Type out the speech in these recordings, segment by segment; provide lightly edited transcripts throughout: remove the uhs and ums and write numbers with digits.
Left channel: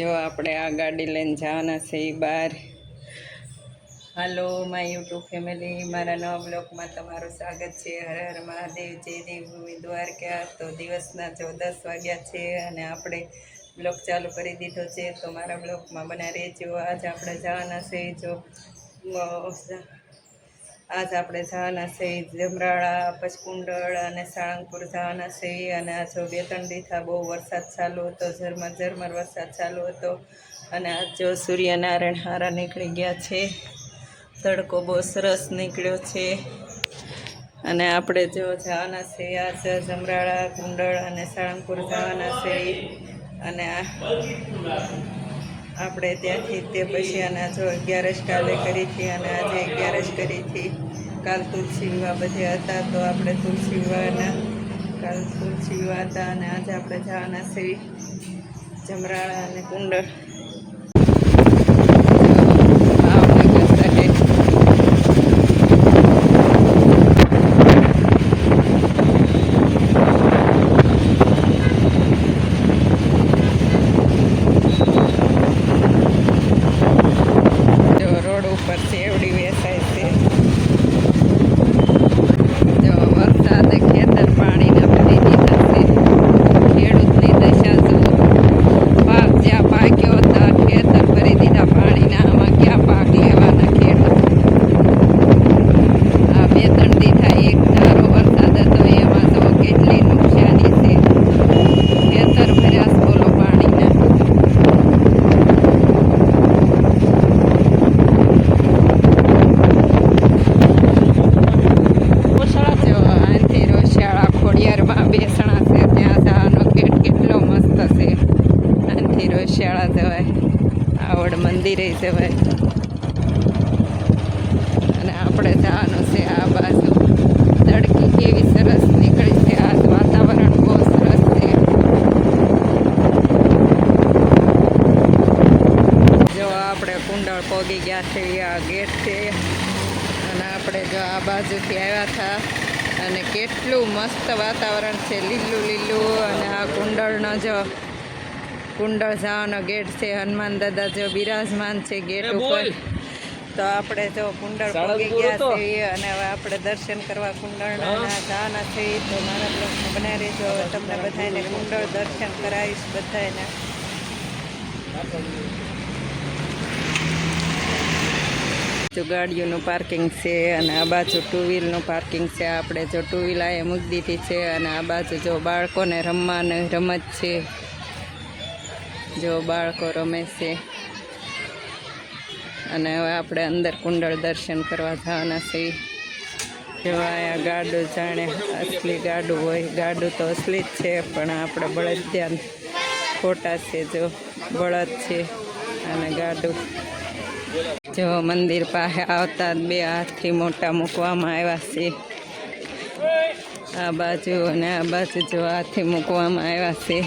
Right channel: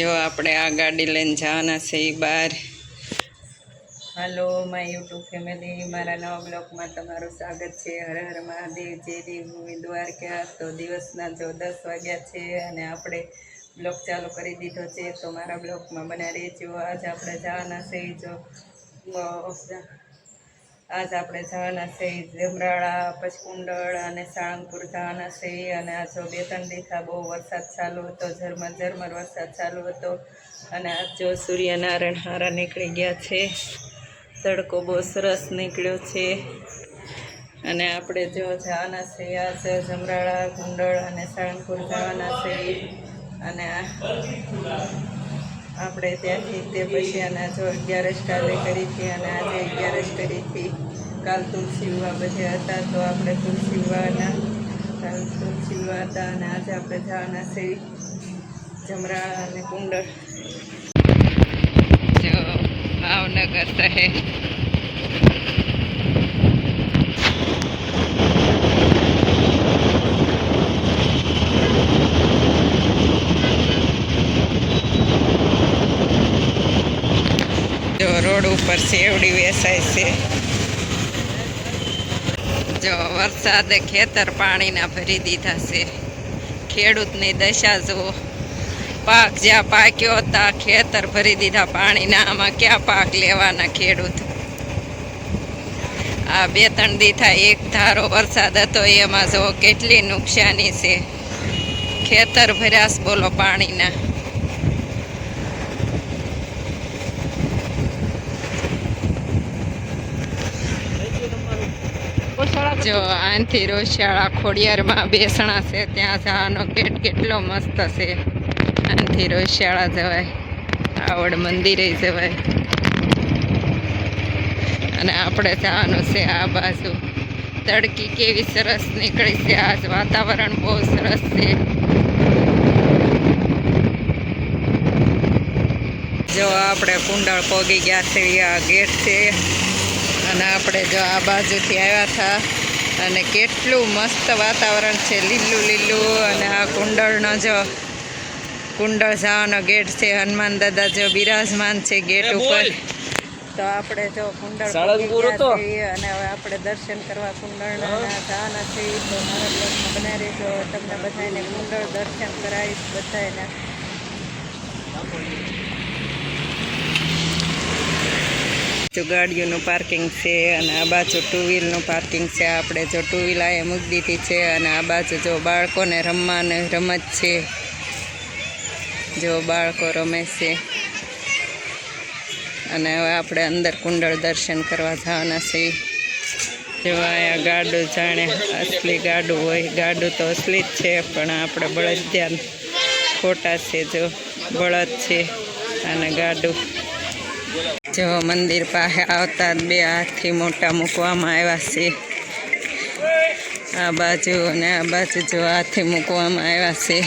जो આપણે આ ગાડી લઈને જવાના છે એ બહાર। હાલો માય યુટ્યુબ ફેમિલી, મારા નવા બ્લોગમાં તમારું સ્વાગત છે। હર હર મહાદેવ, જય દેવભૂમિ દ્વારકા। તો દિવસના જો 10 વાગ્યા છે અને આપણે બ્લોગ ચાલુ કરી દીધો છે, તો મારા બ્લોગમાં બના રહેજો। આજ આપણે જવાના છે આજ આપણે જવાના છે જમરાળા, પછી કુંડળ અને સાળંગપુર જવાના છે। અને આ જો 2-3 દિવસથી બહુ વરસાદ ચાલુ હતો, ઝરમર વરસાદ ચાલુ હતો। અને આજ જો સૂર્યનારાયણ હારા નીકળી ગયા છે, તડકો બહુ સરસ નીકળ્યો છે। અને આપણે જો જવાના છે આજ જમરાળા, કુંડળ અને સાળંગપુર જવાના છે। અને આપણે ત્યાંથી તે પછી અને જો 11 કાલે કરી હતી અને આજે 11 કરી હતી। કાલ તુલસી વિવાહ બધે હતા, તો આપણે તુલસી વિવાહના કાલ તુલસી વિવાહ હતા અને આજે આપણે જવાના છે જમરાળા અને કુંડળ। જો ભાવનગર શહેર रोड पर सेवड़ी वेचाय से। जो वरसादे खेतर पानी ना भरी दीधा से। खेडूतनी दशा जुओ, पाक ज्या पाक्यो हता खेतर भरी दीधा पानी ना, आमां क्या पाक लेवाना खेडूत। आ 2-3 दीथा एक धारो वरसाद हतो, एमां जो केटली नुकसानी छे। खेतर भर्यास बोलो पानी ना। जो आंथी रोशियाळा खोडियार में बेसणा से त्या जवानो गेट केटलो मस्त से। आंथी रोशियाळा जवाय, आवड़ मंदिरे जवाय। अने आपणे जवानुं छे आ बाजू। तड़की केवी सरस निकळी छे, आज वातावरण बहुत सरस छे। जो आपणे कुंडळ पोगी गया छे, आ गेट छे। અને આપણે જો આ બાજુથી આવ્યા હતા અને કેટલું મસ્ત વાતાવરણ છે, લીલું લીલું। અને આ કુંડળનો જો કુંડળ જવાનો ગેટ છે, હનુમાન દાદા જો બિરાજમાન છે ગેટ ઉપર। તો આપણે જો કુંડળ પહોંચી ગયા છે અને હવે આપણે દર્શન કરવા કુંડળના જવાના છે। તો મારા બ્લોગમાં બનાવી રહેજો, તમને બધાને કુંડળ દર્શન કરાવીશ બધાને। जो गाड़ियों पार्किंग से आ बाजू 2 व्हील पार्किंग से। आपणे जो 2 व्हील आ मूकी दीधी है और आ बाजू जो बाळको ने रमवानी रमत है, जो बाळको रमे से। अने हवे आपणे अंदर कुंडळ दर्शन करवा जवाना छे। जो आ गाडू जाने असली गाडू होय, गाडू तो असली ज छे पण आपणे बळदिया खोटा छे। जो बळद छे अने गाडू। जो मंदिर पासे आवता 2 हाथी मोटा मूकवामां आव्या छे। आ बाजू अने आ बाजू जो हाथी मूकवामां आव्या छे।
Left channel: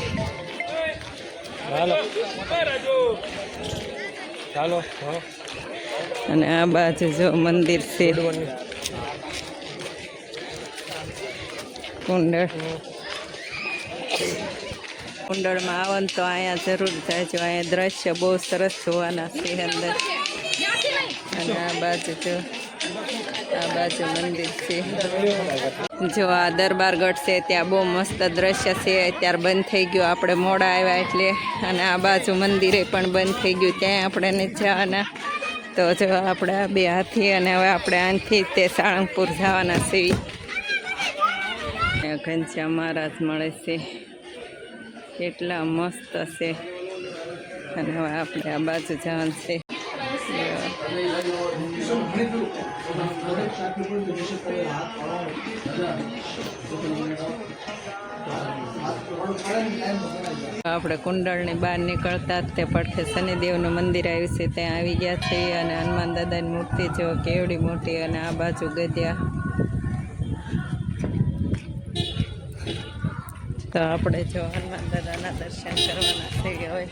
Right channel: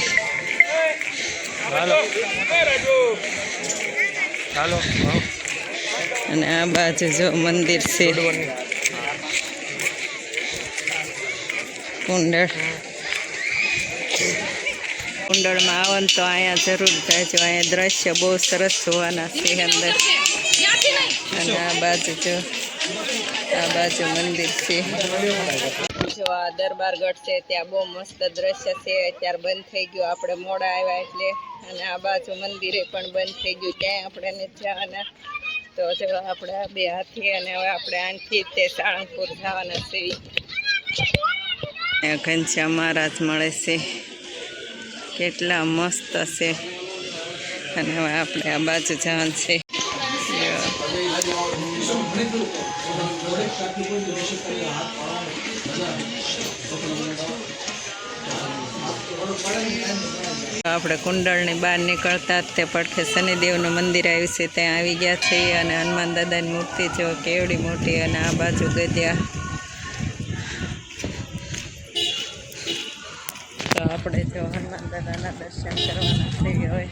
अने आ बाजू जो मंदिर छे कुंडळ। कुंडळ में आवो तो अहींया जरूर जाजो, अहींया दृश्य बहुत सरस जोवाना छे अंदर। અને આ બાજુ મંદિર છે। જો આ દરબારગઢ છે, ત્યાં બહુ મસ્ત દ્રશ્ય છે। અત્યારે બંધ થઈ ગયું, આપણે મોડા આવ્યા એટલે। અને આ બાજુ મંદિરે પણ બંધ થઈ ગયું, ત્યાં આપણે નથી જવાના। તો જો આપણે આ 2 હાથી અને હવે આપણે આથી તે સાળંગપુર જવાના છીએ। ઘનશ્યામ મહારાજ મળે છે, કેટલા મસ્ત છે। અને હવે આપણે આ બાજુ જવાનું છે। આપણે કુંડળની બહાર નીકળતા જ તે પડખે શનિદેવનું મંદિર આવ્યું છે, ત્યાં આવી ગયા છીએ। અને હનુમાન દાદાની મૂર્તિ જો કેવડી મોટી, અને આ બાજુ ગદ્યા। તો આપણે જો હનુમાન દાદાના દર્શન કરવાના છે હવે।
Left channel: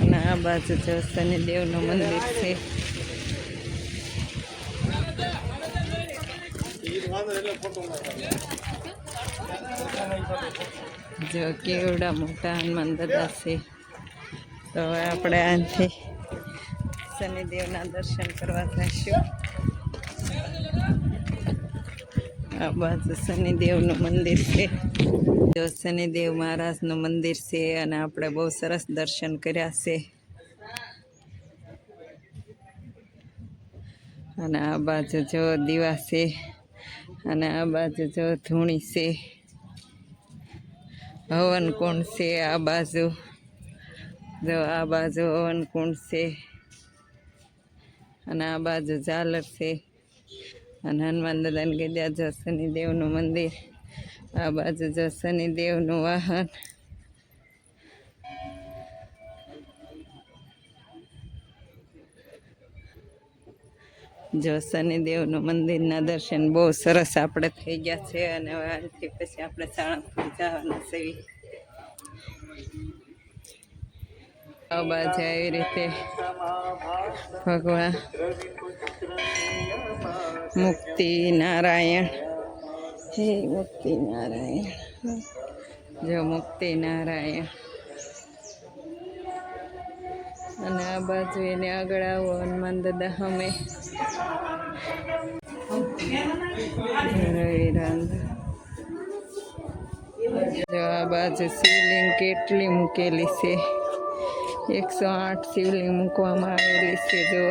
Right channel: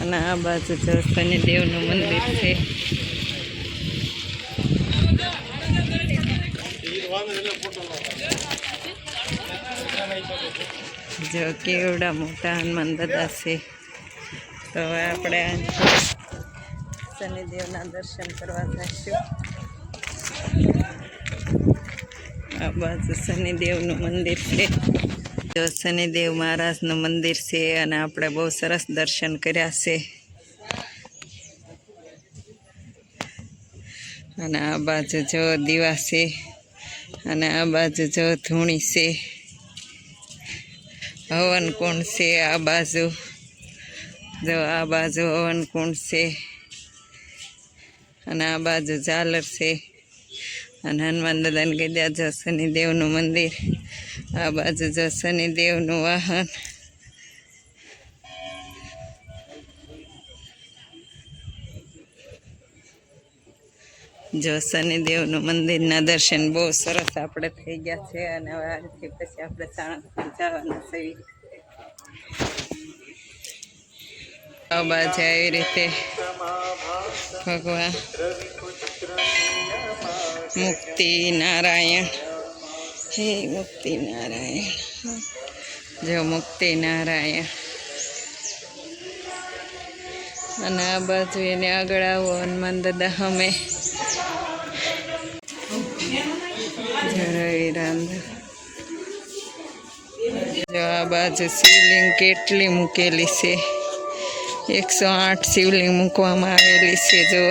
અને આ બાજુ જો શનિદેવનું મંદિર છે। જો કેવડા મોટા હનુમાન દાદા છે. તો હવે આપણે અહીંથી શનિદેવના દર્શન કરવા જઈશું. આ બાજુ શનિદેવનું મંદિર છે. જો શનિદેવ મહારાજનું મંદિર છે અને આપણે બહુ સરસ દર્શન કર્યા છે. અને આ બાજુ જો દીવા છે અને આ બાજુ જો ધૂણી છે. હવન કુંડ છે આ બાજુ. જો આ બાજુ હવન કુંડ છે અને આ બાજુ ઝાલર છે. અને હનુમાન દાદાને કીધા જો શનિદેવનું મંદિર. આ બાજુ જો શનિદેવનું વાહન. જો શનિદેવનું મંદિરના દર્શન બહુ સરસ આપણે થઈ ગયા છે. અને હવે આજથી પછી આપણે સાણંદપુર જવાના છીએ. આ બાજુ આવી રીતે ભગવાન મુક્તિ નારાયણ. હે મુક્તિ નારાયણ. જો મુક્તિ નારાયણ. અને આ બાજુ એને આગળ આવો હનુમાન દાદા અમે જો આ બાજુ શિવલિંગ કેટલી મૂકેલી છે. 108 શિવલિંગ મૂકવામાં આવેલી છે. જો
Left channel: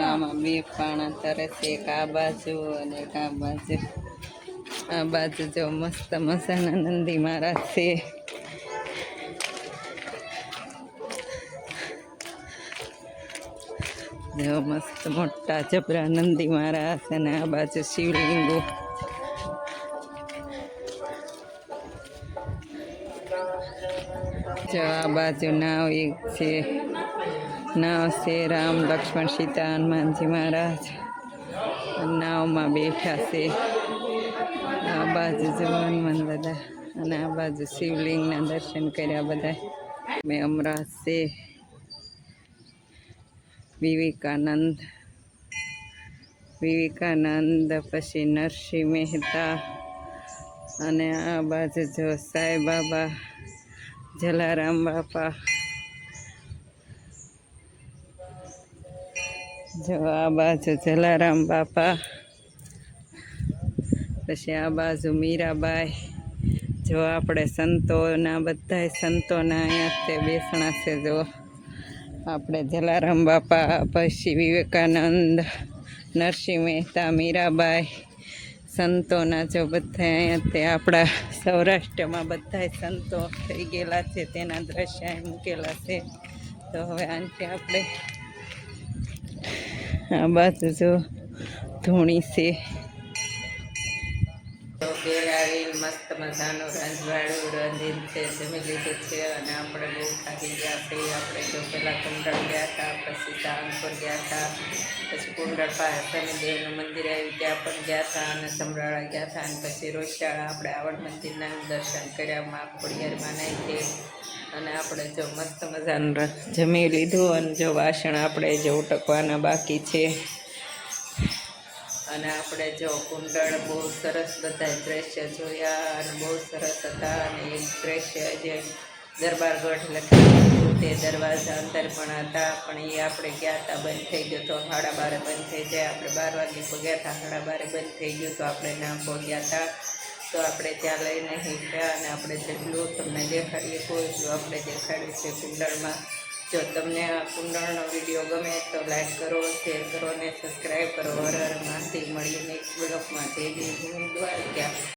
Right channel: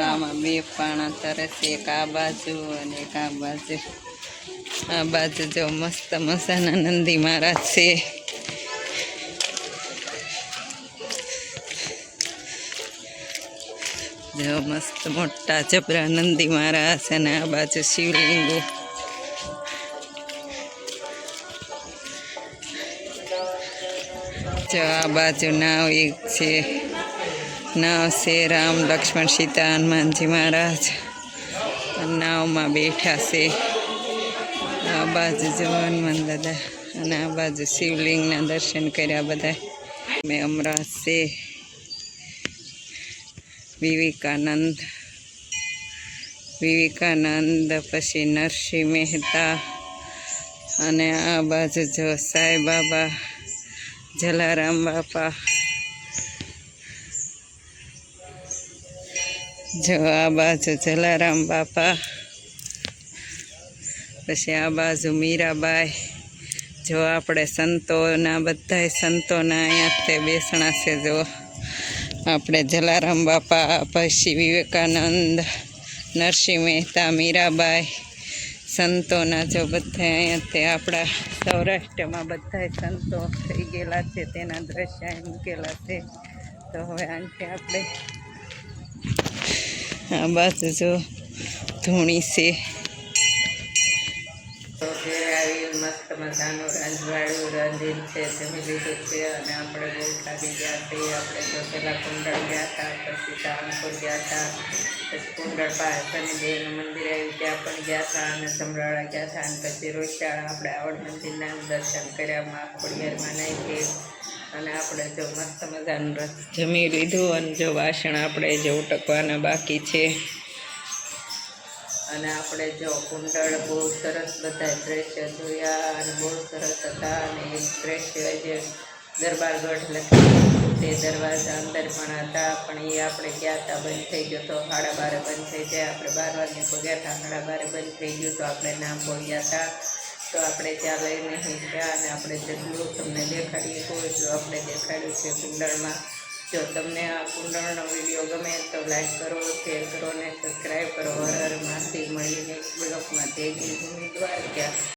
આમાં 2 પાણા તરે છે. એક આ બાજુ અને એક આ બાજુ. આ બાજુ જો મસ્ત મજાના નંદી મહારાજ છે. જો મસ્ત મોટા જબરા નંદી મહારાજ. અને આ બાજુ શિવલિંગો. જો આ બાજુ નાવ એક છે. નાવ છે રામ લક્ષ્મણ સીતા હનુમાનજી મહારાજ નાવમાં બેઠા છે. આ બાજુ જો હનુમાન દાદા. અને આ બાજુ શિવલિંગના દર્શન કર્યા બધા. મેં અમરાજ છે. વિવેકાનંદ પછી નરસિંહ મહેતા. અને આ બાજુ જો સાંઈ બાબા જલારામ બાપા. જો આ બાજુ જલારામ બાપા. પછી આ બાજુ મીરાબાઈ. જો આપણે સંતોના બધાય સંતોના અહીંયા તે બેસણા છે. જો આપણે જલારામ બાપા પછી વિવેકાનંદ નરસિંહ મહેતા મીરાબાઈ સંતોના જો બધા અહીંયા તે આપણા સૌરાષ્ટ્રમાં બધાય સંતો થઈ ગયેલા છે. તેના દ્રશ્ય અહીં મૂકેલા છે. તો હવે આનાથી આપણે આ બાજુ જો ધૂણી છે. આવેલ મસ્ત મજાનું રંજવાળું રંધીન છે. જમી લીધું છે અને આપણે બહુ થાકી ગયા છીએ. આપણે જો પહેલાં કુંડળ ગયા હતા, પછી સાળંગપુર ગયા હતા, પછી કુંડળ પાસે શનિદેવનું મંદિર આવ્યું ત્યાં પણ ગયા હતા, અને સમરાળા ગયા હતા, અને પછી રોષિયાળા આપણે આવડ મંદિરના દર્શન કર્યા. માં ખોડિયારમાં નાખી અને આપણે જો મસ્ત મજાનું જમી લીધું. અને જો વાસણ આપણે જો ઉટકવાના બાકી છે. અને આપણે જો કુંડળ બહુ સરસ બધા દ્રશ્ય જોયા અને બહુ સરસ હતા. અને એક દ્રશ્ય જે દરબારગઢ લખેલું તે દરવાજા અંદર પણ હતા, પણ એ આપણે ગયા હતા બંધ થઈ ગયો તો 12:30 બંધ થઈ જાય. આપણે 12 વાગે પગ્યા હતા, 12:30 બંધ થઈ ગયું તો આપણે ના પહોંચ્યા હતા. તો આપણે ત્યાં લઈને હીટ્યા અને આપણે જેટલું તમને દેખાડીએ એટલું આપણે દેખાડ્યું છે કુંડળમાં. જો તમને આ કુંડળનો વિડીયો ગમે તો લાઈક કરો, શેર કરો અને સબસ્ક્રાઈબ કરો. હર હર મહાદેવ. મળીએ નેક્સ્ટ બ્લોગમાં. જય જય ભૂમિ દ્વારકા.